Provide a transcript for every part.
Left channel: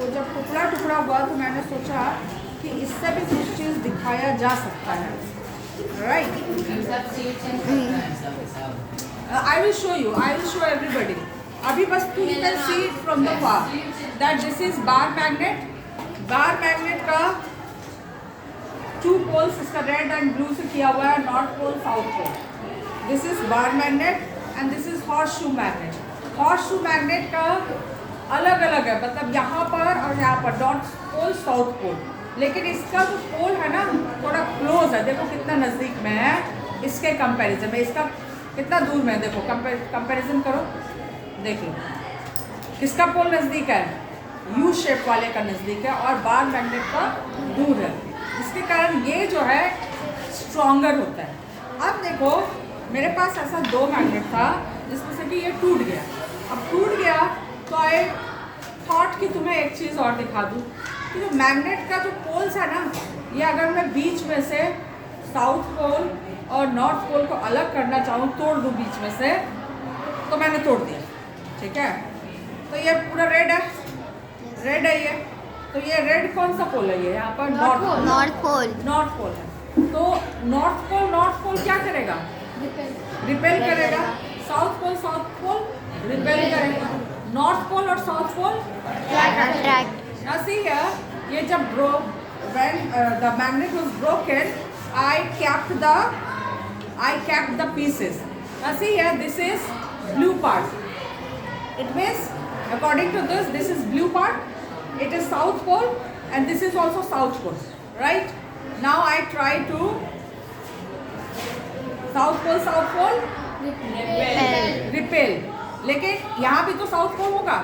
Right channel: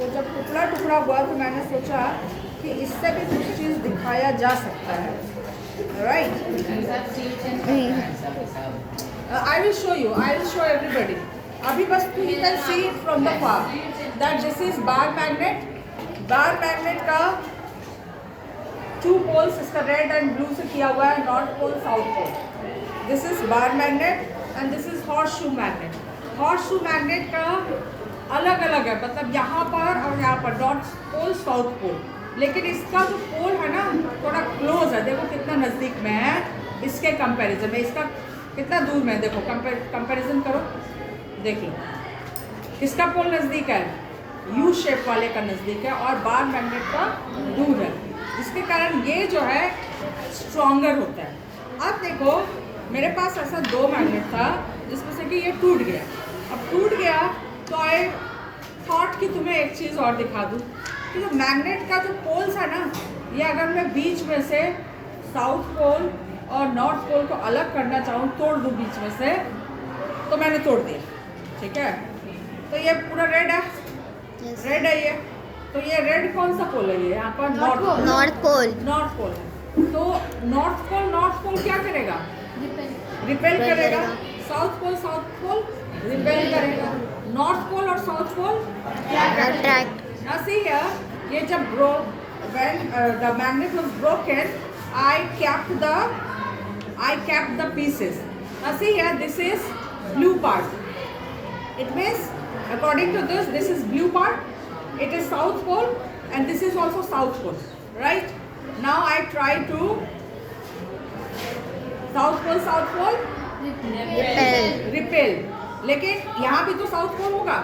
वो जब टुकड़ा टुकड़ा हुआ तो मैंने सोचा कि इससे भी कुछ चीज़ दिखाया जा सकता है, right? I will show you, I will show everybody. अभी बस you can see from the far that this is bar magnet. Bar magnet का 2 पोल्स, इसका रेड एंड ब्लू से किया हुआ है, north pole south pole. This is bar magnet and this is horseshoe magnet. Horseshoe magnet का अलग अलग है, मतलब यहाँ पर और यहाँ पर, नॉर्थ पोल साउथ पोल. लेकिन इसका जो पोल है ना थोड़ा क्लोज है. देखो कितना नज़दीक में है इसके कंपैरिजन में. इसका कितना दूर में है, देखो कंपैरिजन करो. देखो किसका पोल नज़दीक है, यू शेप वाले का नज़दीक है और बार मैग्नेट का दूर है. इसके कारण ये जो है स्ट्रॉन्गर होता है. अब देखो मेरे पास ऐसा 2 मैग्नेट था जिसमें से कि ये टूट गया. अब टूट गया तो आई थॉट कि तुम्हें एक चीज़ और दिखा दूँ कि जो मैग्नेट का जो पोल्स है ना, ये अगर मैं बीच में से साउथ पोल और नॉर्थ पोल को अलग करना चाहूँ, तोड़ दूँ बीच में से, तो मैंने तोड़ दिया. ठीक है, तो ये पूरा रेड है, रेड है ये. तो ये रेड कौन सा पोल है, ये यहाँ पर नॉर्थ पोल. नॉर्थ पोल है. तो नॉर्थ पोल क्या करेगा, रिपेल करेगा. साउथ पोल रिपेल करेगा. नॉर्थ पोल और south pole attract. Now see here, ये जब broke, when the magnet was broken, I kept the pieces. Now see here, this is blue part. It means, according to this is blue part. It is south pole, and this is also south pole, right? Now I try to south pole repel. लेकिन यहाँ भी तो south pole होगा,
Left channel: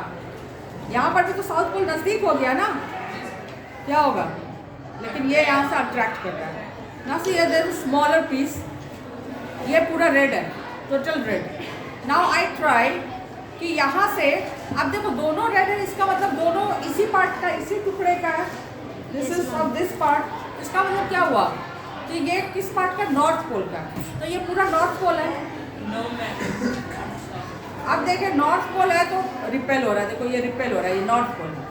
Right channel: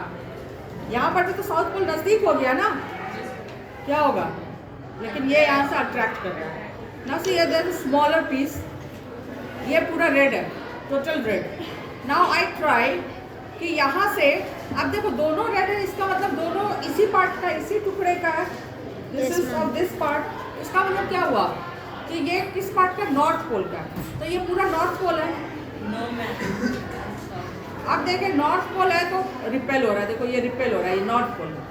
यहाँ पर भी तो south pole नज़दीक हो गया ना, क्या होगा. लेकिन ये यहाँ से अट्रैक्ट कर रहा है ना. सी देयर इज स्मॉलर पीस. ये पूरा रेड है, total red. Now I try कि यहाँ से, अब देखो दोनों रेड है, इसका मतलब दोनों इसी पार्ट का, इसी टुकड़े का है. This is from this part. इसका मतलब क्या हुआ कि ये किस पार्ट का, नॉर्थ पोल का. तो ये पूरा नॉर्थ पोल है. अब देखें नॉर्थ पोल है तो रिपेल हो रहा है. देखो ये रिपेल हो रहा है, ये नॉर्थ पोल है.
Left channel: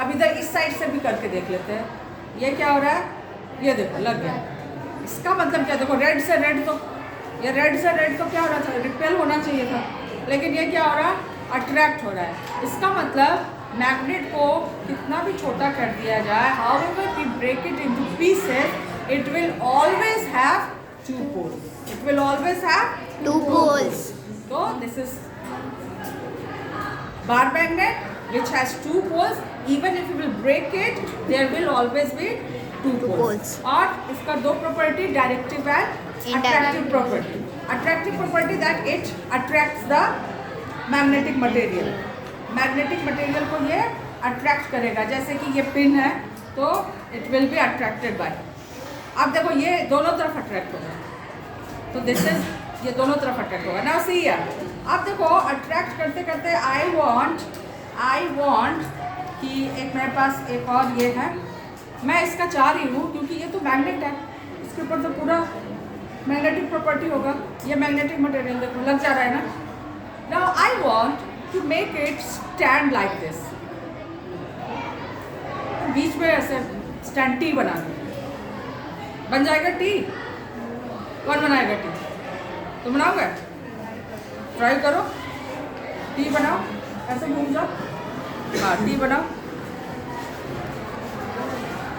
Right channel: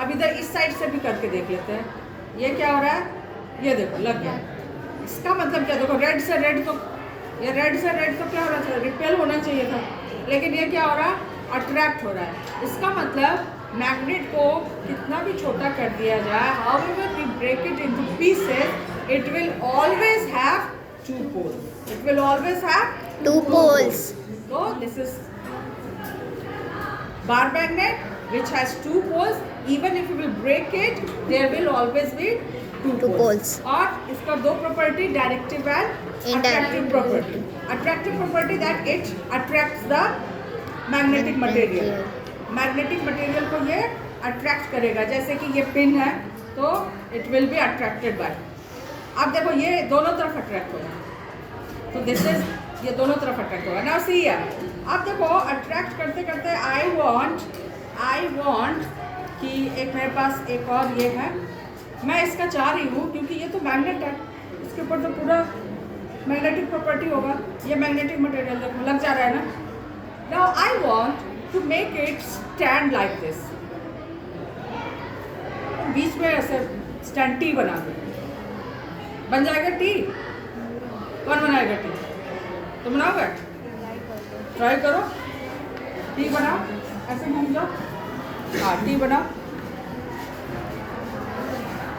अब इधर इस साइड से भी करके देख लेते हैं ये क्या हो रहा है. ये देखो लग गया. इसका मतलब क्या, देखो रेड से रेड, तो ये रेड से रेड तो क्या होना चाहिए, रिपेल होना चाहिए था. लेकिन ये क्या हो रहा है, अट्रैक्ट हो रहा है. इसका मतलब मैग्नेट को कितना भी छोटा कर दिया जाए, however we break it into pieces, it will always have 2 poles. It will always have 2 poles. So this is bar magnet which has 2 poles. Even if you will break it, there will always be 2 poles. और इसका 2 property, directive and attractive property. Attractive property that it attracts the magnetic material. Magnetic material को ये attract करेगा. जैसे कि ये pin है तो it will be attracted by. अब देखो ये दोनों तरफ अट्रैक्ट होगा, तो दिस इज, ये दोनों तरफ अट्रैक्ट होगा ना. सी है. अब देखो अट्रैक्ट करते करते आई वांट कि एक मेरे पास एक और ये है, मैं इसका चाह रही हूँ क्योंकि ये तो मैग्नेट है, इसके ऊपर तो पूरा मैग्नेटिक प्रॉपर्टी होगा. ये मैग्नेटिक मटेरियल देखो लग जा रहा है ना. Now I want to make it stand like this. बीच में ऐसे स्टैंड टी बना दो. बन जाएगा टी. कौन बनाएगा टी, तुम बनाओगे. ट्राई करो, टी बनाओ. ऐसे घूम जाओ. हाँ टी बनाओ.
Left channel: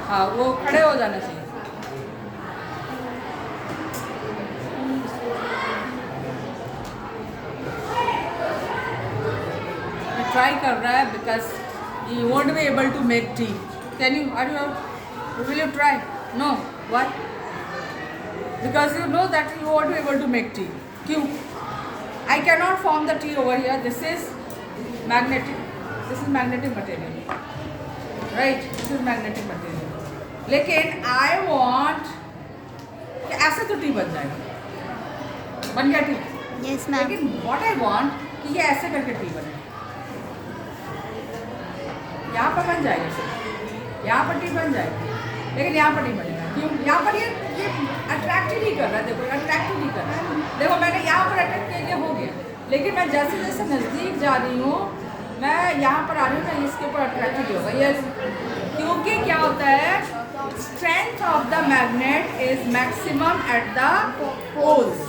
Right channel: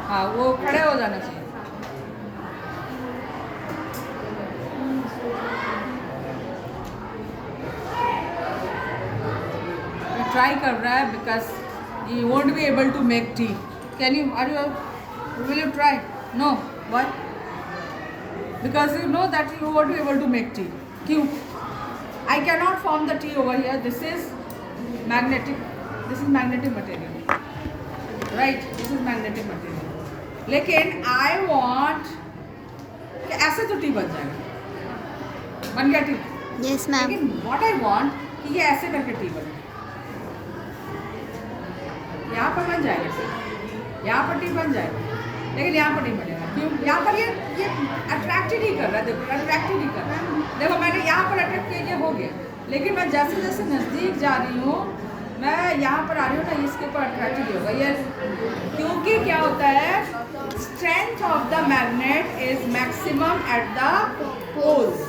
हाँ वो खड़े हो जाना चाहिए. ट्राई कर रहा है because you won't be able to make it. Can you, are you, will you try. No. Why? Because you know that you won't be able to make tea. क्यों? I cannot form the tea over here. This is magnetic. This is magnetic material. Right? This is magnetic material. लेकिन I want कि ऐसे तो T बन जाएगा. बन गया T. Yes ma'am. लेकिन what I want कि ये ऐसे करके टी बने. यहाँ पर बन जाएगा, यहाँ पर टी बन जाएगा, लेकिन यहाँ पर नहीं बनेगा. क्यों? यहाँ पर ये अट्रैक्ट ही नहीं कर रहा है. देखो अट्रैक्ट ही नहीं कर रहा है. देखो मैंने यहाँ पर अट्रैक्ट किया, ये हो गया. लेकिन मैं जैसे जैसे नज़दीक जा रही हूँ मैं यहाँ पर आ रही हूँ ना, इसके ऊपर अट्रैक्टेड होगा ये, क्योंकि क्या होता है, strength of the magnet is maximum at the poles,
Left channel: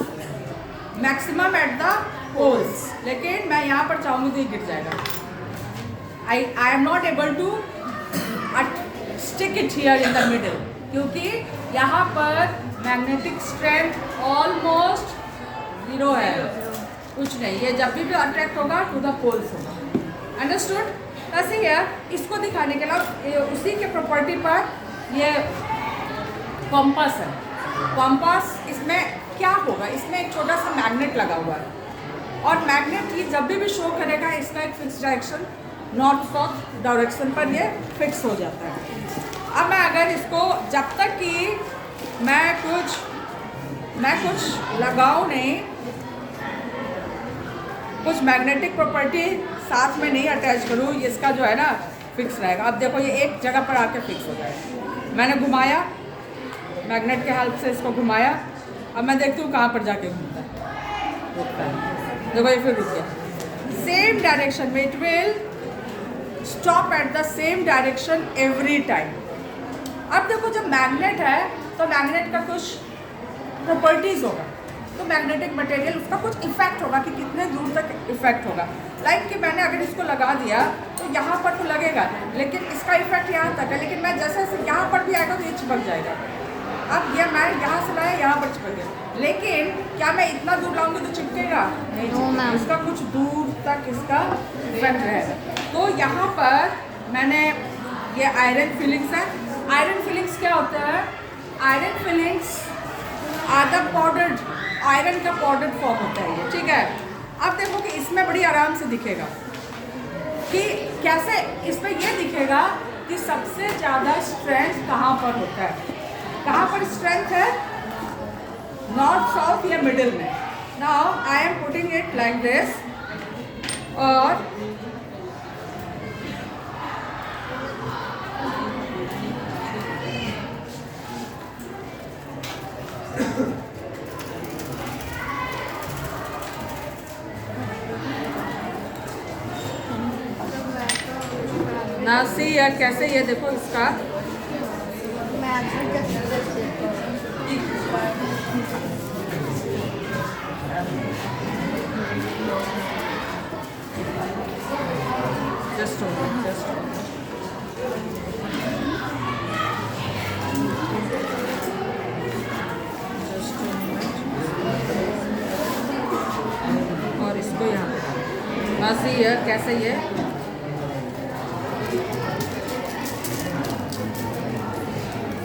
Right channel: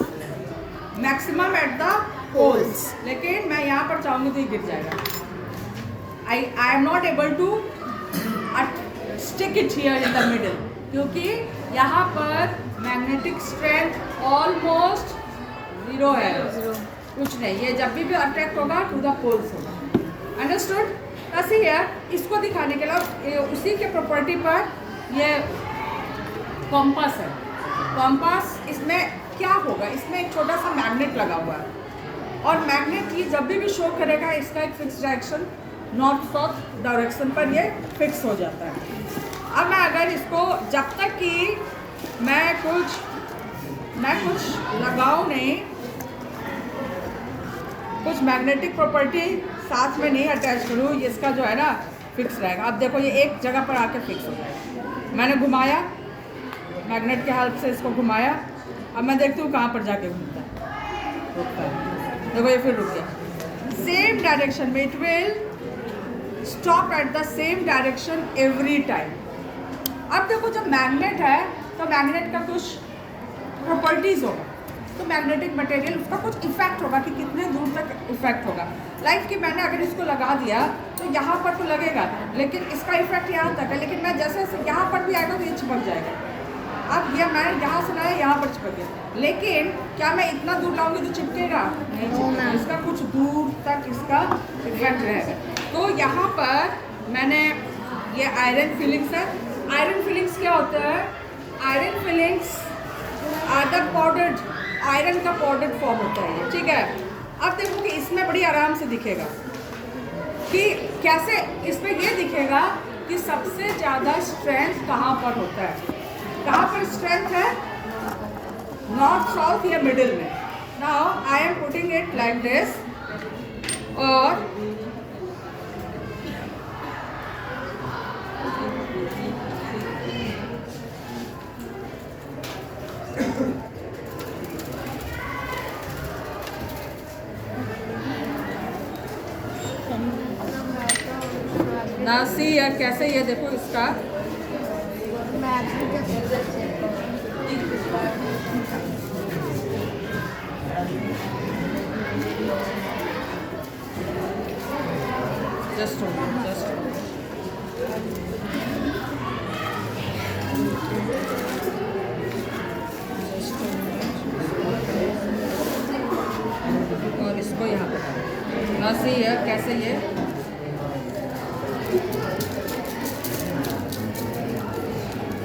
maximum at the poles. लेकिन मैं यहाँ पर चाहूँगी तो ये गिर जाएगा। I am not able to stick it here in the middle, क्योंकि यहाँ पर मैग्नेटिक स्ट्रेंथ ऑलमोस्ट 0 है, कुछ नहीं। ये जब भी अट्रैक्ट होगा टू द पोल्स होगा। अंडरस्टूड? ऐसे है, इसको दिखाने के लिए उसी के प्रॉपर्टी पर ये कॉम्पास है। कॉम्पास, इसमें क्या होगा, इसमें एक छोटा सा मैग्नेट लगा हुआ है, और मैग्नेट ही जब भी शो करेगा इसका एक fix direction, north south direction पर ये फिक्स हो जाता है। अब मैं अगर इसको, जब तक कि मैं कुछ लगाऊं नहीं, कुछ मैग्नेटिक प्रॉपर्टी साथ में नहीं अटैच करूं, इसका जो है ना फिक्स रहेगा। अब देखो ये एक जगह पर आके फिक्स हो जाएगा। मैंने घुमाया, मैग्नेट के हेल्प से इसको घुमाया, अब मैं देखती हूँ कहाँ पर जाके घूमता है, रुकता है। देखो ये फिर रुक गया। सेम डायरेक्शन में it will stop at the same direction every time. अब देखो जब मैग्नेट है तो मैग्नेट का कुछ प्रॉपर्टीज होगा, तो मैग्नेटिक मटेरियल उसका कुछ इफेक्ट होगा कि कितने दूर तक इफेक्ट होगा। लाइक कि मैंने अगर इसको लगा दिया तो यहाँ पर तो लगेगा, लेकिन इसका इफेक्ट यहाँ तक है, लेकिन मैं जैसे जैसे यहाँ पर भी आएगा तो ये चिपक जाएगा। अब ये मैं यहाँ से लाया, यहाँ पर चिपक गया, लेकिन क्या मैं इतना दूर लाऊंगी तो चिपकेगा नहीं? चिपकेगा। इसका कुछ दूर तक इसका इफेक्ट रहेगा। तो यहाँ पर मैंने ये आयरन फिलिंग्स है। आयरन फिलिंग्स क्या होता है? आयरन फिलिंग्स आधा पाउडर्ड, आयरन का पाउडर्ड फॉर्म होता है ये, ठीक है। अब देखो कि इसमें बड़ी आराम से दिखेगा कि कैसे, इसमें ये दिखेगा कि सबसे ज़्यादा स्ट्रेंथ कहाँ पर होता है, कहाँ पर स्ट्रेंथ है, नॉर्थ साउथ या मिडिल में। Now I am putting it like this, और ना सी या कैसे, ये देखो इसका जस्ट और इसको यहाँ पे ना सी है कैसे, ये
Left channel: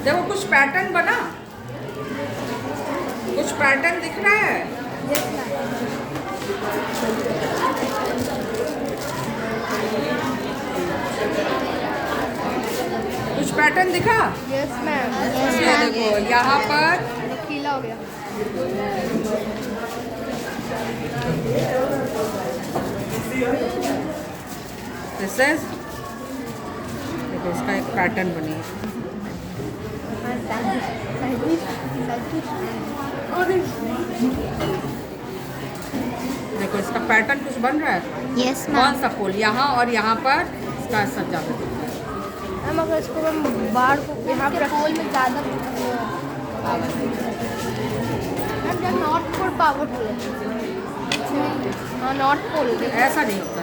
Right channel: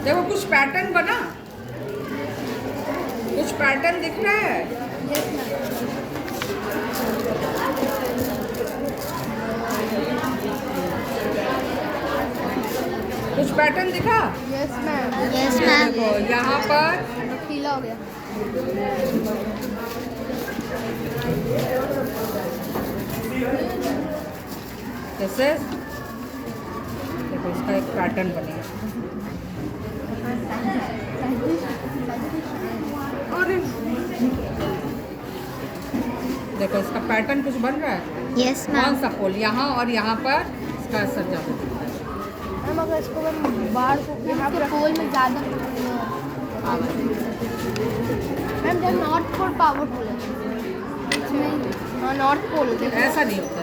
देखो कुछ पैटर्न बना, कुछ पैटर्न दिख रहा है। कुछ पैटर्न दिखा? Yes ma'am, yes ma'am. यहाँ पर नुकीला हो गया। दिस इज, देखो इसका एक पैटर्न बनी है। देखो इसका पैटर्न कुछ बन रहा है। यस कौन मैम। सा पोल, यहाँ और यहाँ पर इसका सजा हुआ। मैम अगर इसको मैं बाहर को यहाँ पे पोल में ज़्यादा मैम, जब नॉर्थ पोल पावरफुल है इसमें, हाँ नॉर्थ पोल ऐसा नहीं होता।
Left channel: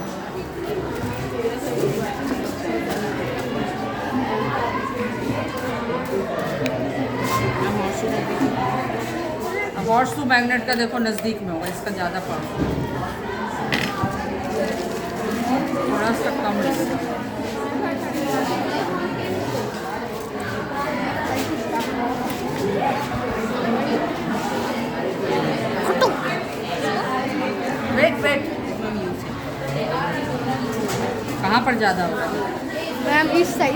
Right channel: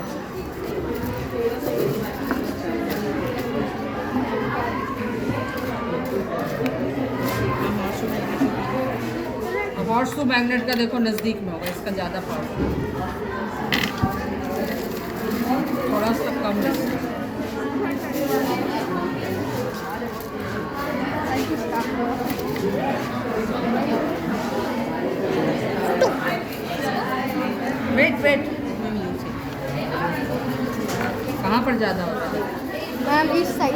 हॉर्स टू मैग्नेट का देखो नज़दीक में होगा, इसका ज़्यादा पावर, थोड़ा सा कम है। वेट कहाँ पर ज़्यादा होता है? मैम इस side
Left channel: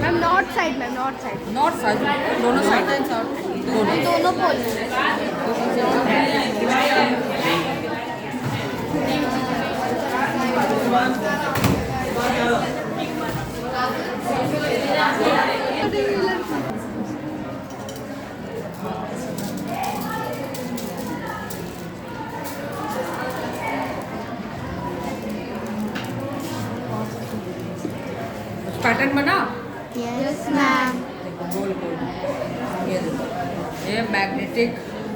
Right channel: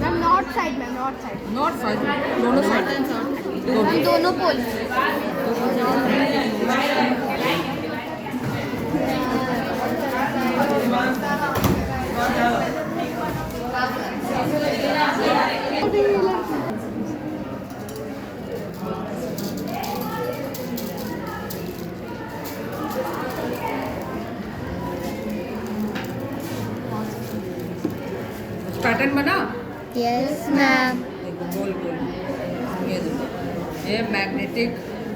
ma'am, north side ma'am, north side. North side, दोनों साइड, दोनों पोल। पैटर्न बना? Yes ma'am. देखो गोल गोल, ये देखो, ये मैग्नेटिक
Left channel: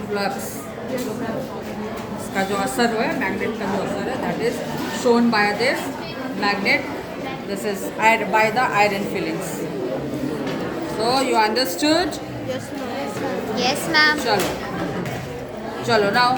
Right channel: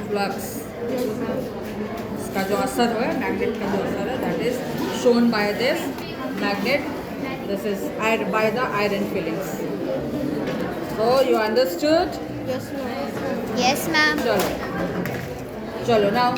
फ्लक्स, इसका जो असर है, मैग्नेट का जो असर है, that is shown by this magnet. This is by the iron feelings. So you understood? Yes ma'am. चलो चलो नाउ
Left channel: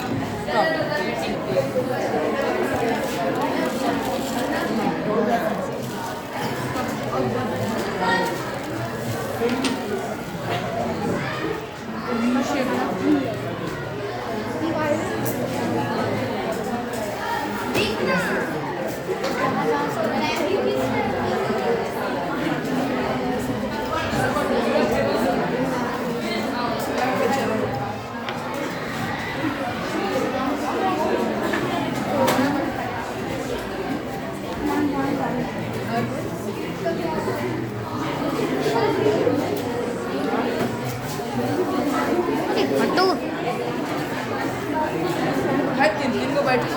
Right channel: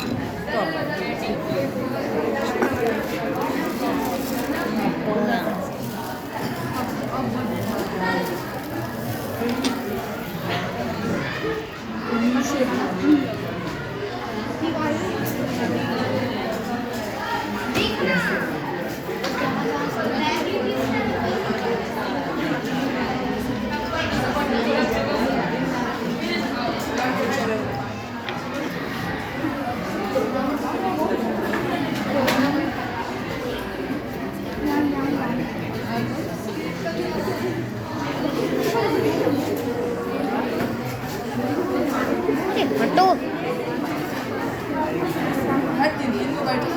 हटो। मैं 3 को बैठी